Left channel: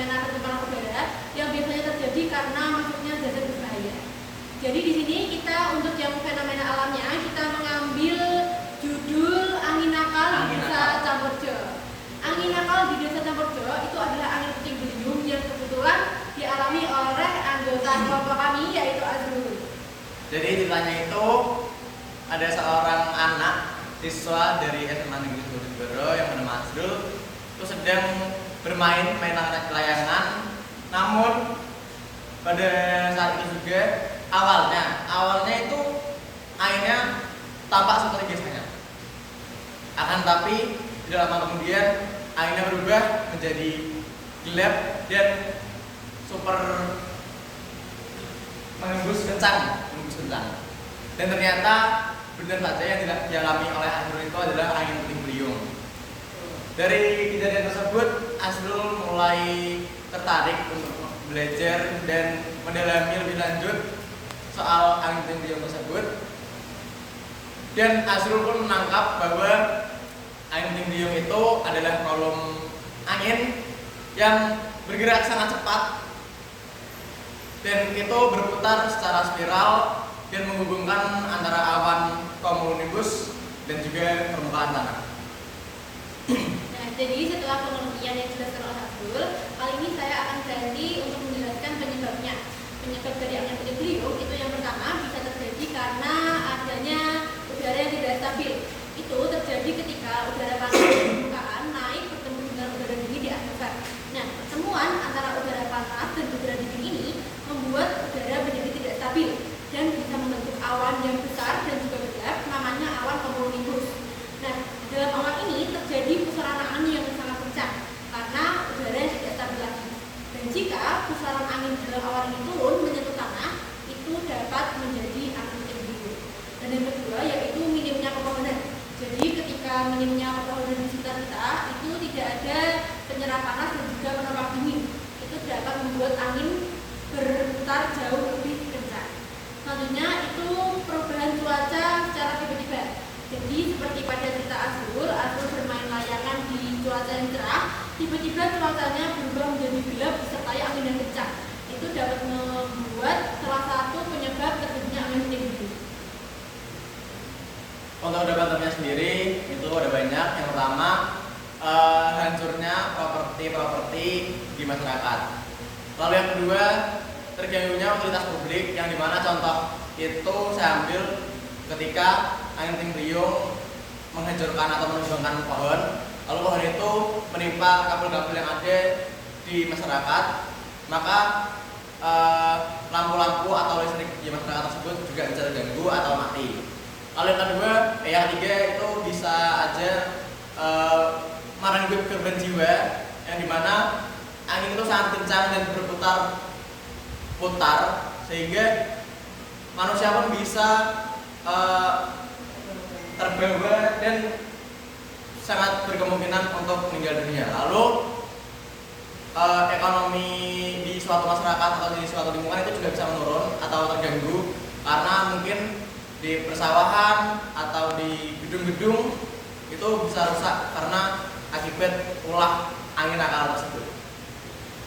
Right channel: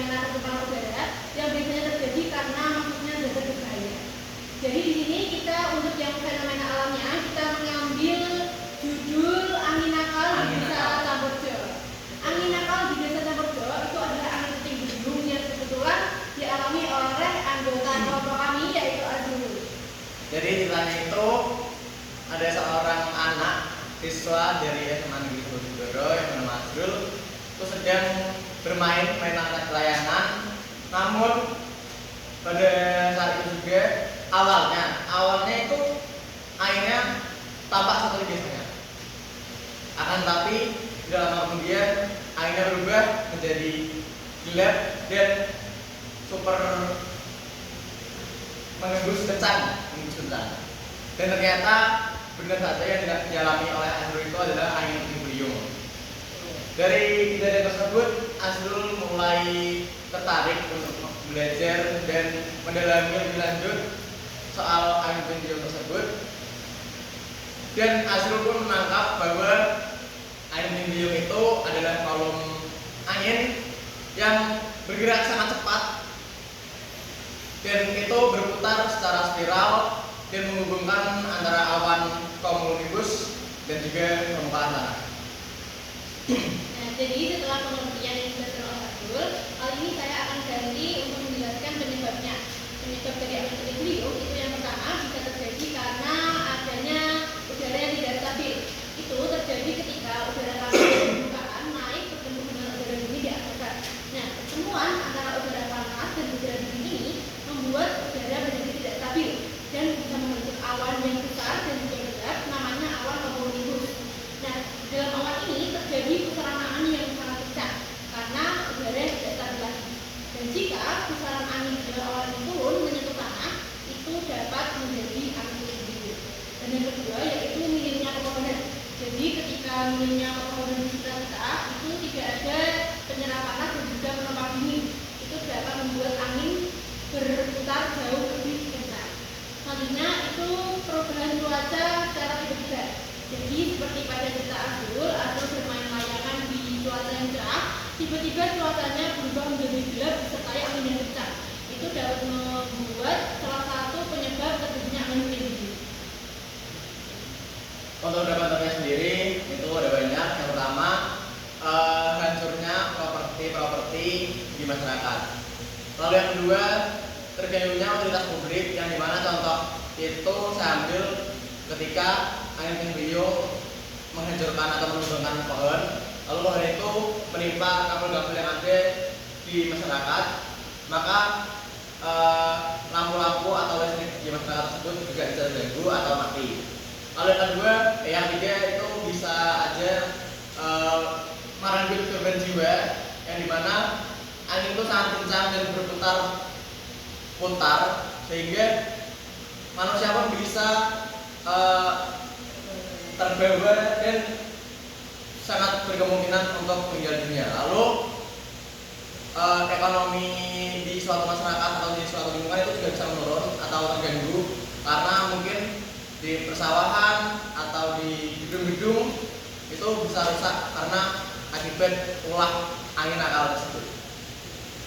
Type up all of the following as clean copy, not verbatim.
fenomena pencemaran udara yang biasanya terjadi karena masuknya zat berbahaya. Jadi di sini kita untuk yang fenomena alamnya kita mengambil judul angin nakal di Desa Camperjo. Angin nakal di Desa Camperjo itu adalah angin puting beliung yang kebetulan dialami oleh anggota kelompok kami yaitu Azrul. Jadi ditanya itu ada seorang anak siswa dari SMA Negeri Bojonegoro yang bernama Azrul itu sedang bermain mainan layangan, namun pada saat itu juga awalnya itu airnya tampak seperti biasanya. Akan tapi tidak lama kemudian airnya berubah menjadi gelap dan super menembus kencang. Dan ternyata benar saja yang dialami oleh Azrul itu adalah angin puting beliung. Dari kejadian tersebut, Azrul mulai tertarik untuk belajar dan mendalami lebih lanjut soal angin puting beliung tersebut. Dan Azrul pun menangkap bahwa angin puting beliung itu adalah kolom angin yang bergerak sangat cepat dan itu berputar secara spiral dan menghubungkan antara awan cumulonimbus dan juga permukaan tanah. Nah, jadi setelah pengertian yang dijelaskan oleh Abdul, kali ini saya akan ganti untuk menjelaskan penyebabnya. Penyebab dari angin puting beliung itu yang pertama bisa terjadi karena adanya udara yang tidak stabil. Itu terjadi ketika udara panas di permukaan naik bertemu dengan udara dingin di atmosfer. Nah, pertemuan antara udara panas dan udara dingin ini membuat udara menjadi tidak stabil dan bisa membentuk awan yang besar dan juga gelap, namanya awan cumulonimbus. Nah, dalam awan ini terjadi pusaran angin yang sangat kencang karena udara yang tidak stabil lagi. Dan jika pusaran angin dalam awan ini turun menyentuh tanah, itu dapat menjadi angin puting beliung. Dan yang kedua yaitu minimnya pepohonan. Jadi ketika minimnya pepohonan di sekitar kita, itu tidak ada penyerap panas dan juga menopang dingin. Itu dapat membuat angin berputar jauh lebih kencang. Selanjutnya itu perubahan cuaca secara tiba-tiba. Jadi seperti pada cerita Azrul bermain layangan di cuaca yang cerah, tiba-tiba cuacanya berubah menjadi gelap disertai angin yang kencang. Itu dapat membuat salah satu penyebab terjadinya angin puting beliung. Untuk dampaknya sendiri itu ada banyak. Yang pertama hancurnya properti di masyarakat. Lalu yang kedua terganggunya utilitas publik yang dimana contoh itu saya ambil ketika angin puting beliung menghancurkan atau menumbangkan pohon, lalu pohon itu menimpa kabel-kabel yang ada di masyarakat, maka lampu-lampu atau listrik di masyarakat tersebut juga bisa terganggu atau mati. Lalu yang kedua, yang ketiga itu bisa aja merenggut korban jiwa yang dimana angin itu sangat kencang dan berputar sehingga manusia pun bisa terbawa dan sangat berkemungkinan untuk meninggal dunia. Lalu ekonomi di suatu masyarakat atau di suatu lingkungan itu juga bisa menurun atau terganggu karena mungkin di persawahan atau di gedung-gedung itu bisa rusak karena akibat ulah angin nakal tersebut.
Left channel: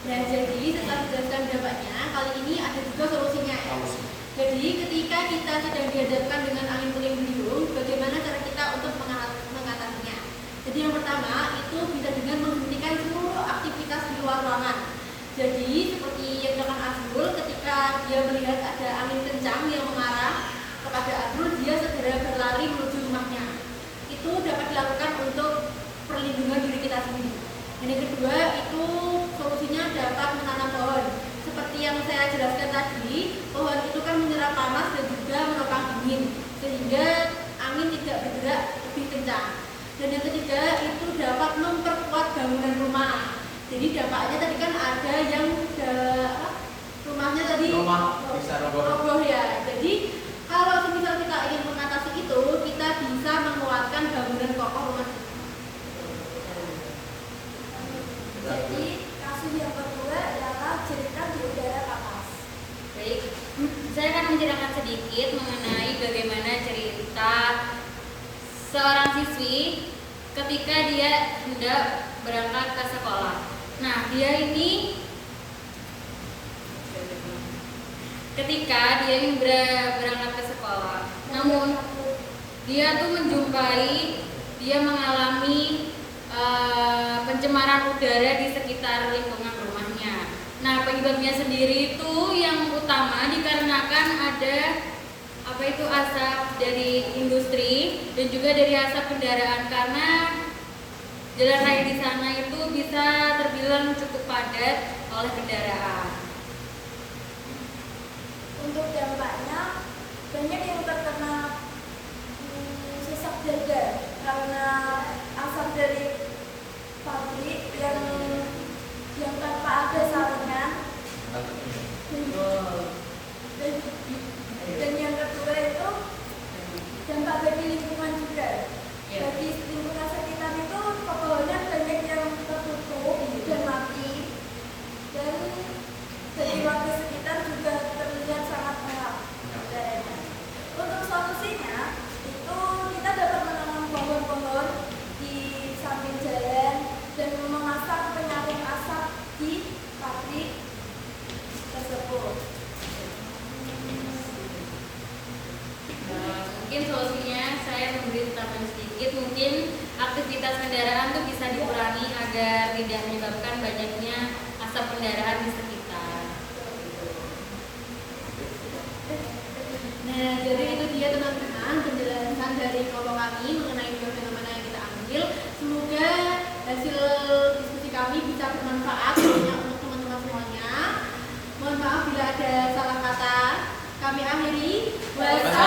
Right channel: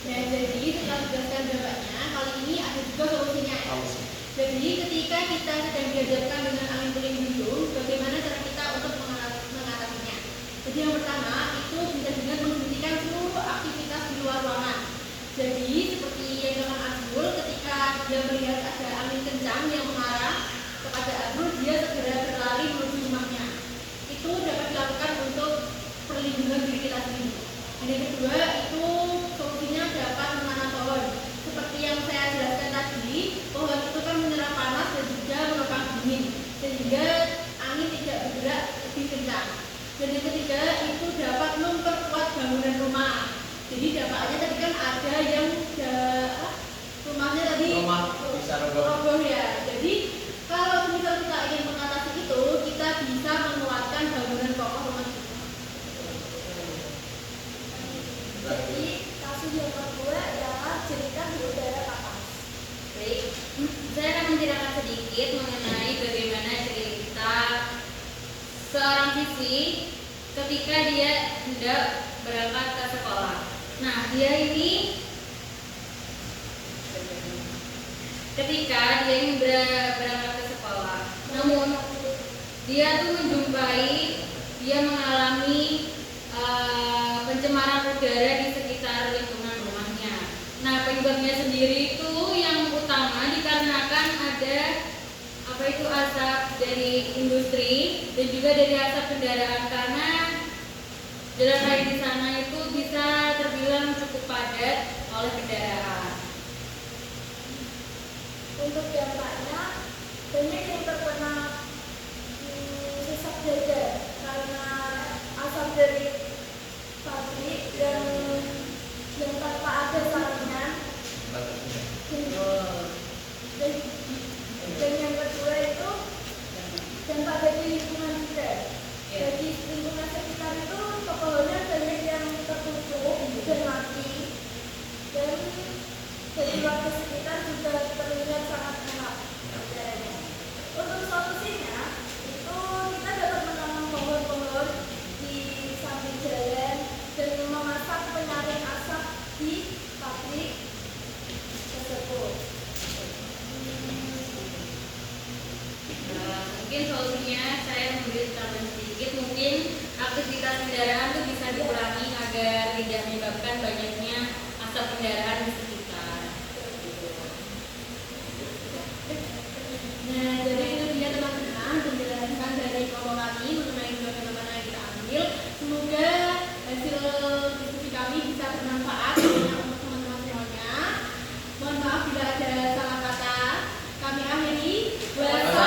Nah, jadi setelah dijelaskan dampaknya, kali ini ada juga solusinya ya. Jadi ketika kita sedang dihadapkan dengan angin puting beliung, bagaimana cara kita untuk mengatasinya? Jadi yang pertama itu bisa dengan menghentikan seluruh aktivitas di luar ruangan. Jadi seperti yang dilakukan Azrul ketika dia melihat ada angin kencang yang mengarah kepada Azrul, dia segera berlari menuju rumahnya. Itu dapat dilakukan untuk perlindungan diri kita sendiri. Dan yang kedua itu solusinya dapat menanam pohon. Seperti yang saya jelaskan tadi, pohon itu kan menyerap panas dan juga menopang dingin, sehingga angin tidak bergerak lebih kencang. Dan yang ketiga itu dapat memperkuat bangunan rumah. Jadi dampaknya tadi kan ada yang rumahnya tadi bisa roboh ya. Jadi kalau misal kita ingin mengatasi itu, kita bisa menguatkan bangunan kokoh rumah kita. Jadi kasus yang kedua adalah cerita di udara panas. Baik, saya akan menceritakan sedikit mengenai bagaimana cerita seorang siswi ketika dia hendak berangkat ke sekolah. Nah, dia ini ketika dia ini berangkat ke sekolah. Namun dia tuh dia mengalami pencemaran udara di sekitar lingkungan rumahnya. Nah, penyebabnya sendiri itu yang utama dikarenakan ada asap dari industri dan juga dari asap kendaraan, karena jalan raya di sana itu bisa terbilang cukup padat oleh kendaraan. Untuk dampaknya banyak yang terkena sesak jajan karena asap dari pabrik yang tanpa ada saringan. Dan yang kedua itu dampak bagi lingkungan juga. Jadi lingkungan sekitar itu pepohonan banyak yang tertutup dan mati, dan jadi warga sekitar juga terlihat sangat gelap udaranya. Untuk solusinya itu kita dapat menanam pohon-pohon di samping jalan dan memasang penyaring asap di pabrik tersebut. Mungkin solusinya saya memberi tambahan sedikit, mungkin aktivitas kendaraan itu bisa dikurangi agar tidak menyebabkan banyaknya asap kendaraan di sekitar. Nah, jadi itu dia teman-teman penjelasan dari kelompok kami mengenai fenomena yang kita ambil. Semoga hasil diskusi kami bisa bermanfaat tentunya untuk teman-teman semuanya. Mohon maaf bila ada salah kata. Kami akhiri. Wassalamualaikum